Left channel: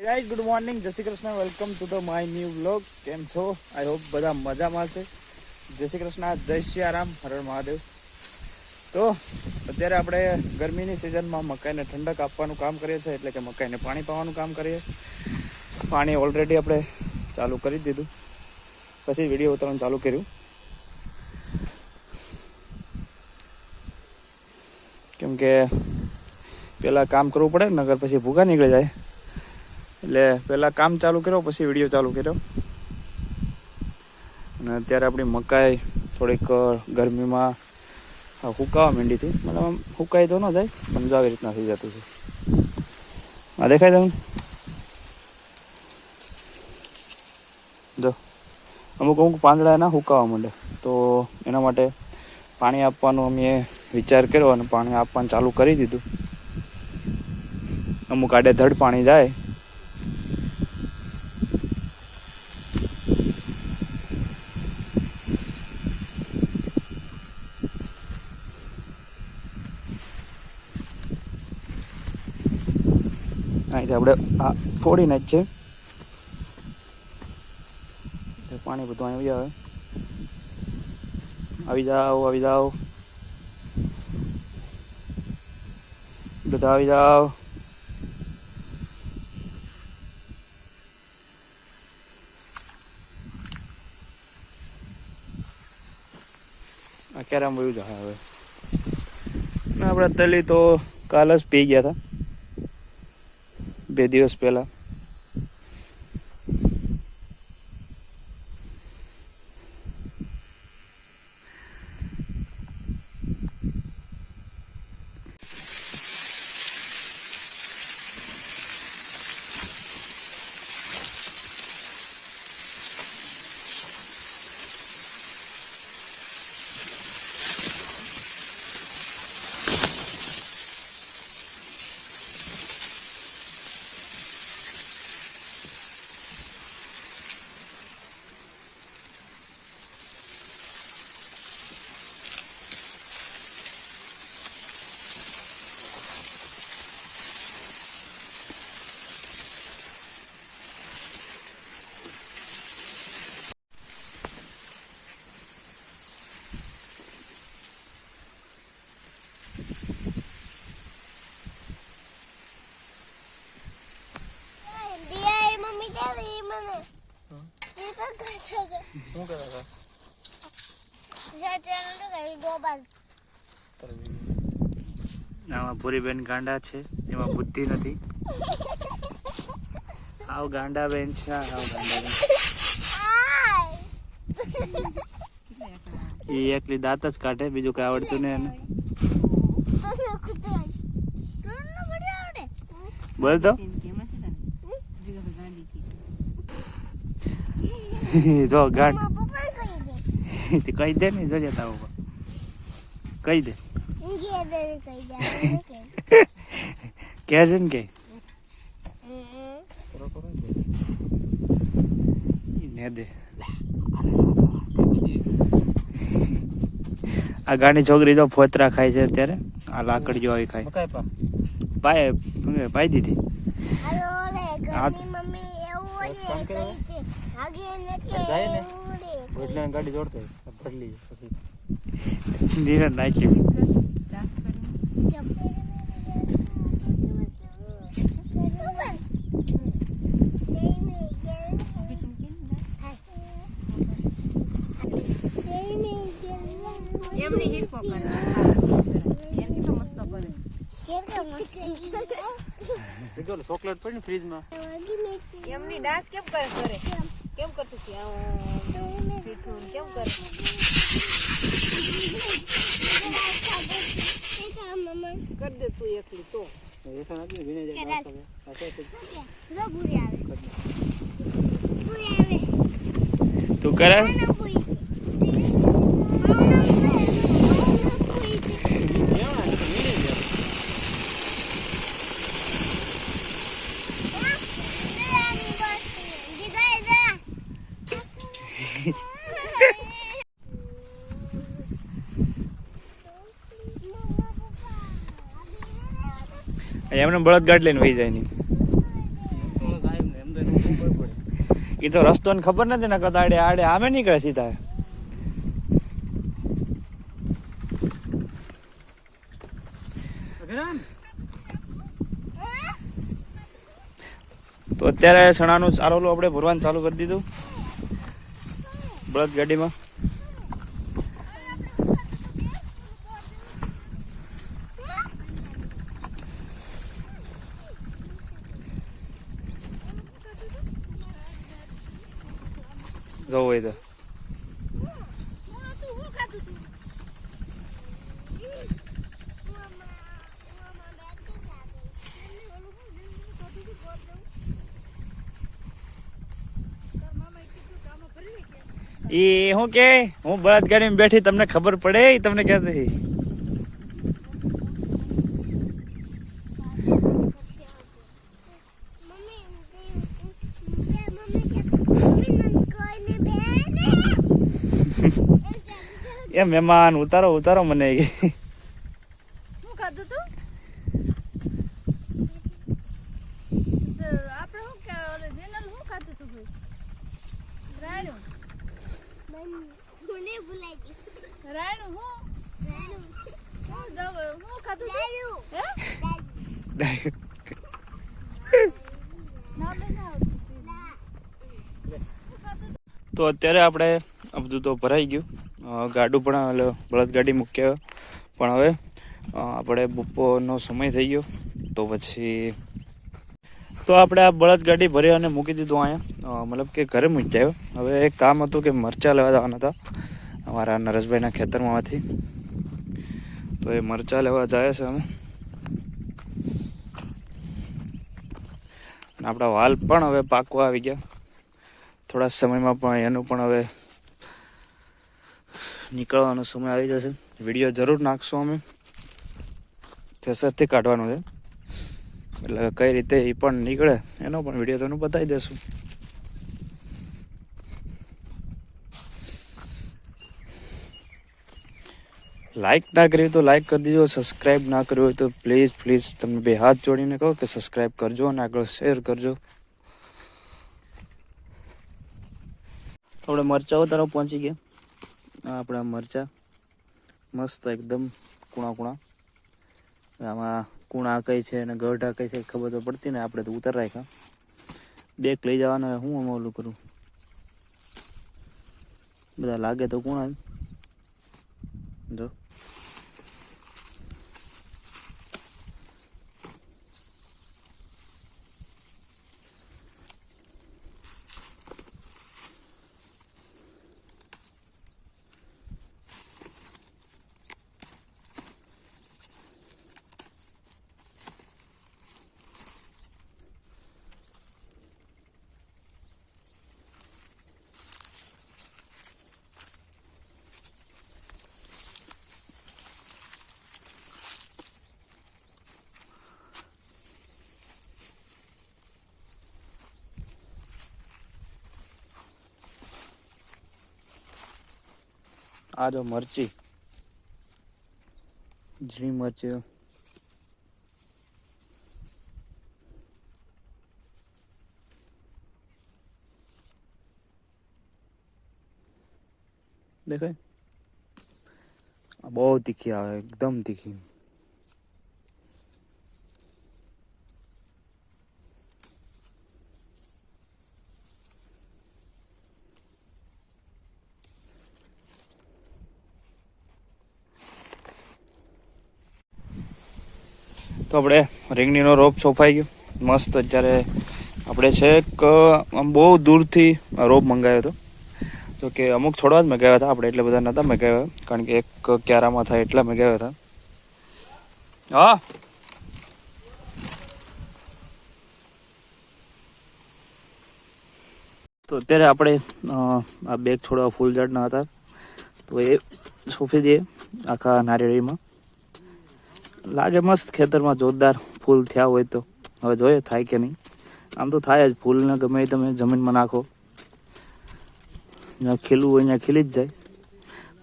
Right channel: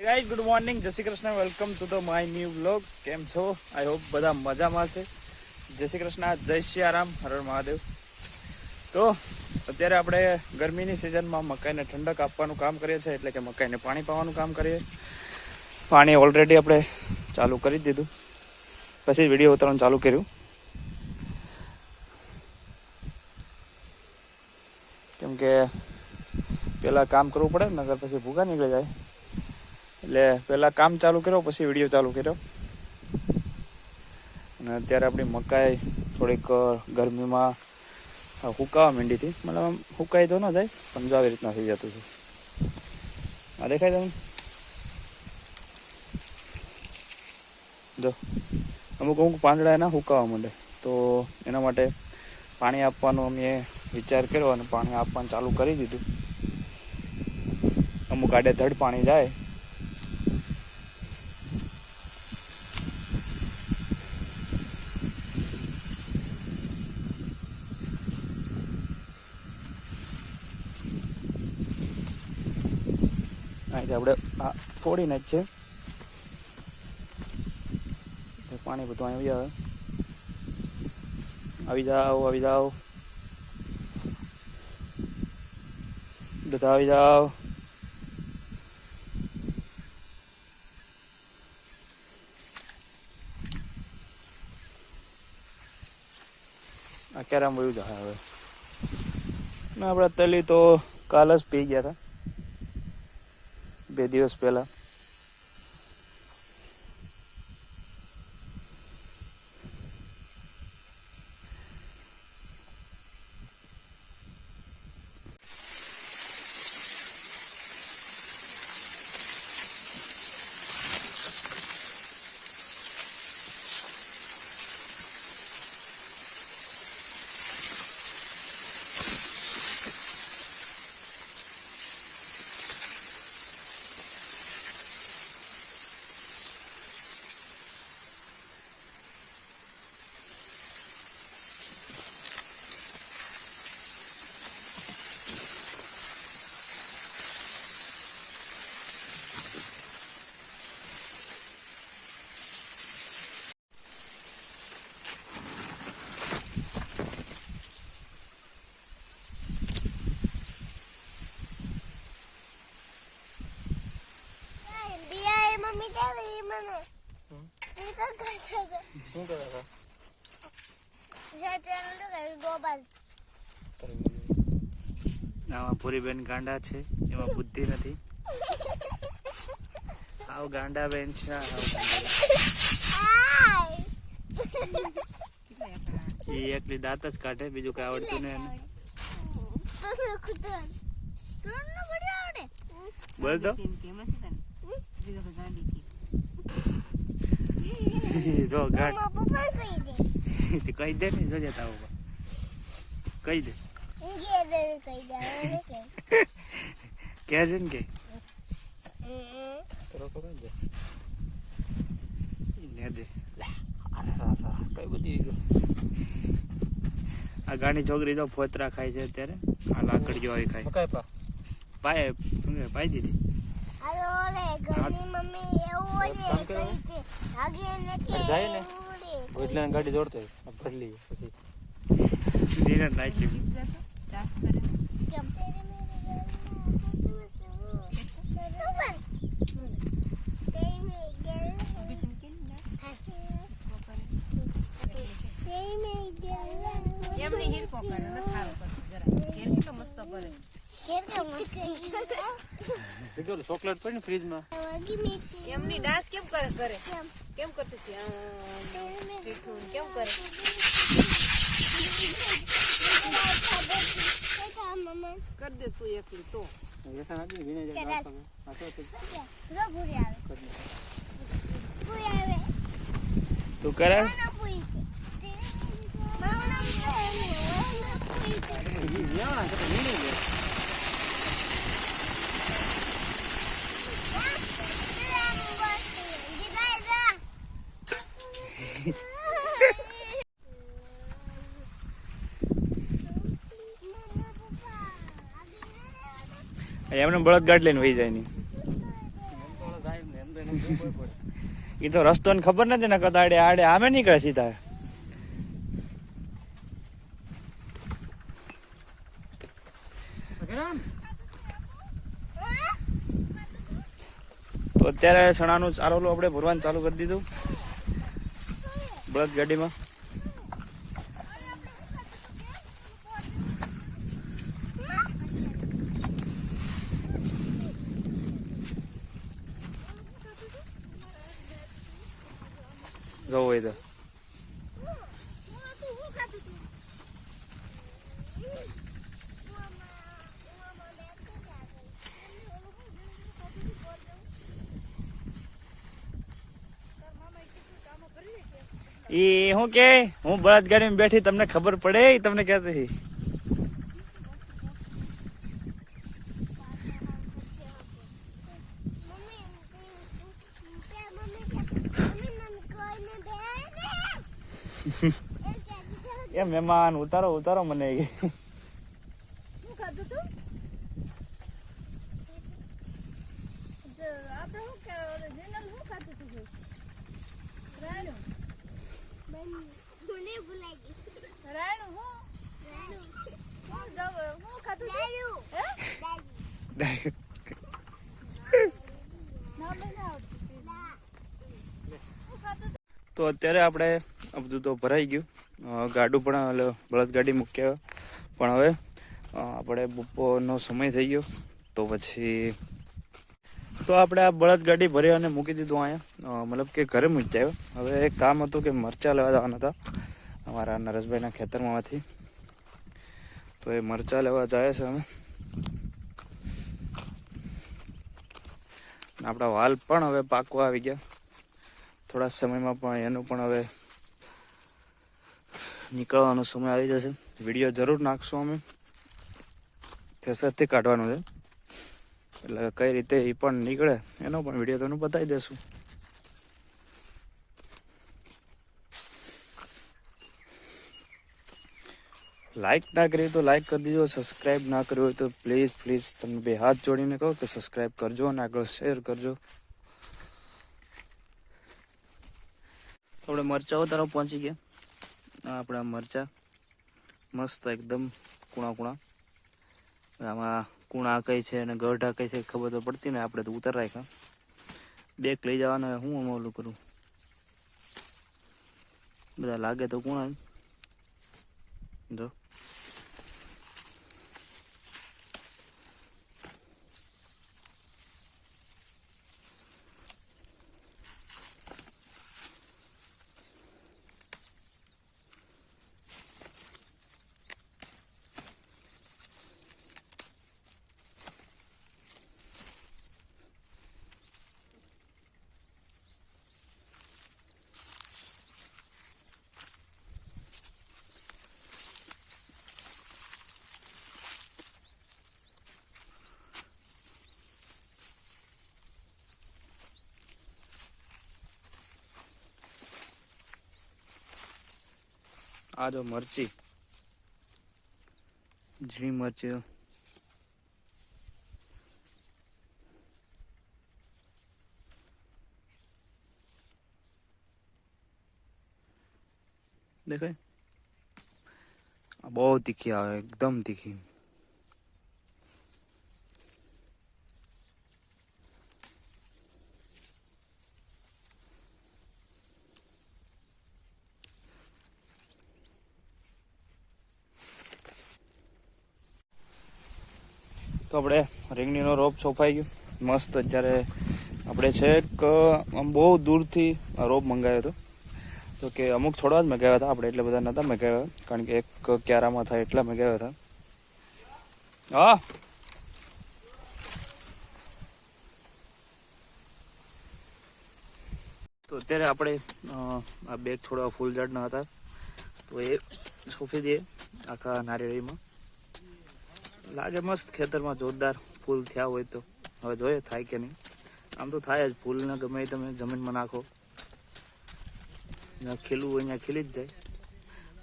Guys good morning, જય Shri Krishna, welcome to the my new vlog. કેમ છો? આઈ હોપ બધા મજામાં છે. જય શ્રી કૃષ્ણ, જય સિયારામ, હર હર મહાદેવ. તો અત્યારે આપણે ગરમીની સિઝનમાં મકાઈને ઠંડક આપવાનું કામ કરીએ છીએ, એટલે કે મકાઈને પાણી પાવાનું કામ કરીએ. પાણી ઓલરેડી આપણે ચાલુ કરી દીધું, પછી વિડીયો ઉતારવાનું ચાલુ કર્યું, કેમ કે પહેલાં કામ કરવું પડે, નગર પછી ભૂખા નીકળી જાય. એટલે પહેલાં કામ ચાલુ કર્યો, પછી વિડીયો ચાલુ કર્યો. અને અત્યારે આપણી મકાઈ થોડીક ગરમીમાં હુકાવા માંડી હતી. મતલબ હુકાઈ તો ન જાય, પણ જો આવી રીતના થઈ જતું હતું. આ દેખાય તમે જો, અમુક પાંદડા એના હુકાવા માંડે, તો એના માટે પાણી આપવાનું અમે વિચાર કર્યો અને પાણી આપવાનું ચાલુ કરી દીધું. અમુક આડેધડ પાણી જાય. અહીંથી આપણે આ ફોડીને જ છે, પાણી બધું અહીં આવે. આવી જાઓ, આવી જાઓ, બધા આવી જાઓ. આ ક્યારે વયું જાય હવે. આપણે તલી તો કાલ જ પી ગયા હતા, 2 દિવસ પહેલા. આમાં ભૂરીબેન ગાંડા છે, એમાં બુદ્ધિ નથી. આવ ગાંડા બેન છે, એ એકલી દાંત જ કાઢે, બીજું કઈ આવડતું નહીં એને. બોલ તો જો ગાંડ કહી દે ને, જો જતા કહી દે કે છે ને કે ને દે. આ ગાંડી છોકરી જો ફોતરા ખાય છે અત્યારે. આ લાકડ જો આવી ખાય, પાઈ દીધી. ગાડી જોડતો નાખી. ચોકલેટ પડી ને ફ્રીજમાં. એમની ડાન્સ કેમ કરે કેમ કરતી હતી? કેમ કરે? કર દે તું એકલી તો. તું કરે એમને બળદ ગાડ લઈને વહી જાય નહીં. એ તો રસ્તો ને ખબર નથી ને કદાચ આડે આડે આમે નીકળે સીધા. તો અત્યારે છણાનું ચારોલું આપણે ભરવાનું ચાલુ કરી દીધું બળદ ગાડીમાં. જવું હોય તો એ હું કે હું બળદ ગાડીમાં બેઠી તમને ખબર પડે તમને કહેતી એ મહેમાન ઉતારો ઉતારો મને. શું ખાધું તું? આપણે શું કે જેનલ શું ખાધું તું? રાયણું. મને ભૂલાઈ ગયું. રાયણું હું? હું ખાધું તું? હે? તો અત્યારે આપણે આ બધું તો ભરાઈ ગયું. ગાડું પણ બળદ ગાડી મૂક્યા પણ હવે આપણે બપોરનો સમય થઈ ગયો તો પછી તો આપણે આ બળદ ગાડી ભરી અને મૂકી દીધું અહીંયા, મતલબ કે ઘરે મૂકી આવ્યો. હવે એક કામ હતું કે મરચાં લેવા જવાના હતા અમારા નરેશભાઈના ખેતરમાંથી, તો એ મરચાં લેવા જાય છે અમે. આપણા વાલ પણ હવે પાકવા આવી ગયા, થોડા સમયમાં પણ એનું પણ હવે નીકળવાનો સમય આવી જશે. વિડીયો જરૂર નાખશું અમે, થેસરથી કાઢવાનું છે એટલે કઈ રીતે એ પણ નીકળે એનો પણ વિડીયો તમને બતાવી દેશું. લાઈક ના કરી તો લાઈક કરી દીજો, સબસ્ક્રાઈબ ના કર્યું હોય તો પ્લીઝ પ્લીઝ તમે બે હાથ જોડીને કહો કે સબસ્ક્રાઈબ કરજો અને આગળ શેર કરજો. આપણે મરચાઓ તરફ પહોંચી ગયા. આપણા મરચા મસ્ત એકદમ કૂણા કૂણા. આમાં કૂણા કઈ છે અને ગઢા કઈ છે ખબર તો પડતી ને, આપણે તો ઉતાર રાખ્યા. બેક લઈ જવાના હું ઓલું કરું, બધા લાગે તો કૂણા જો. આ જો મરચી, ઝીણી મરચી દેખાય. બહુ તીખી આવે, એકદમ તીખી. તો આપણે રીંગણીનો રોપ સોંપાઈ ગયો મસ્ત. અત્યારે આપણે છેક આમ બહુ દૂરથી રોપ મંગાવ્યો હતો, તો કે અમુક થોડા જ મગાવ્યા હતા આપણે, એટલે બધા નહોતા મગાવ્યા કારણ કે એક ક્યારામાં થાય એટલા મગાવ્યા હતા. હા તો અત્યારે આપણે આ બેગ થોડા ફૂલ ઝાડના હતા તો એ સોંપી દઈએ આખા નારિયેળીમાં. લાગે મસ્ત, ખેતરમાં જોરદાર ફૂલ થયા હોય તો. હવે જોઈએ થાય કે નહીં. આમ તો થાય જ, ફૂલને ગમે તમે જમીનમાં નાખો જ્યાં ખીલવું હોય ત્યાં ખીલી જ જાય.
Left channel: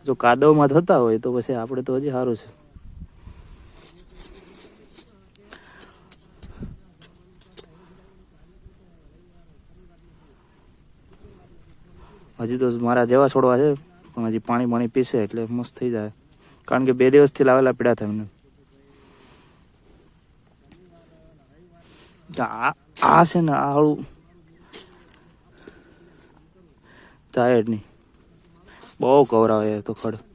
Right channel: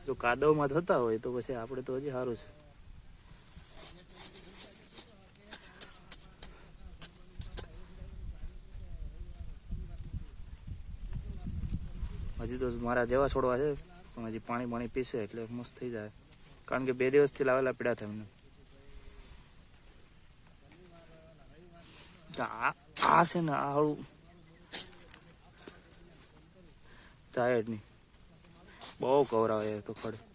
જો કાદવમાં થતા હોય તો પછી આપણે તો હજી સારું છે. હજી તો મારા જેવા છોડવા છે પણ હજી પાણી પીશે એટલે મસ્ત થઈ જાય, કારણ કે 2 દિવસથી લાવેલા પીડા થાય એમને. આ છે ને આ હળું જાય જ નહીં, બહુ કવરાવે તો ખડ.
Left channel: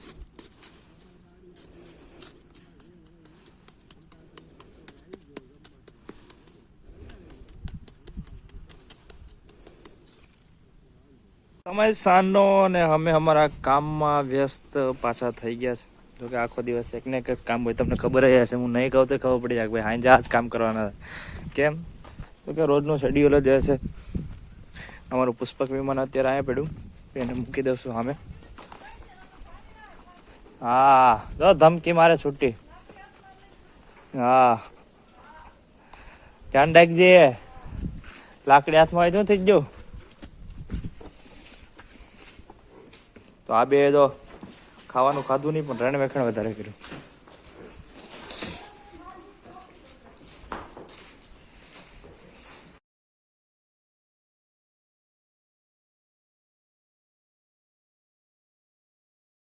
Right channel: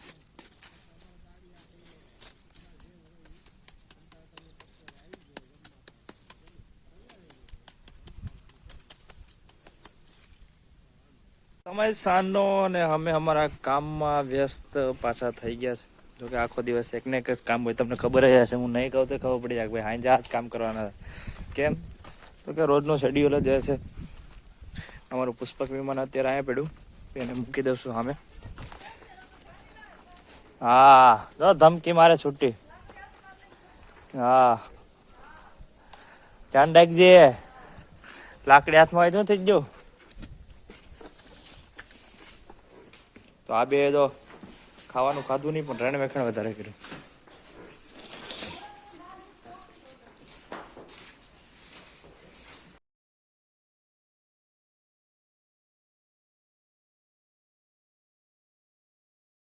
સમય સાંજનો અને અમે અમારા કામમાં વ્યસ્ત પાછા થઈ ગયા છે. જોકે આખો દિવસ એક ને એક જ કામ હોય, તમને ખબર જ હશે. હું નહીં કહું તો ખબર પડી જાય કે ભાઈ હાંજે આ જ કામ કરવાના. કેમ તો કે રોજનો શેડ્યુલ જ છે. અમારું પુષ્પક વિમાન અત્યારે અહીંયા પડ્યું, એને મૂકી દઈશું સામે. હા જો ધમકી મારે છૂટી. હા ધ્યાન રાખજે, લાકડી હાથમાં આવી શું થઈ ગયું. તો આ બે તો ખાવાનું ખાધું નહીં પણ રણ વેખણ વધારે કર્યું.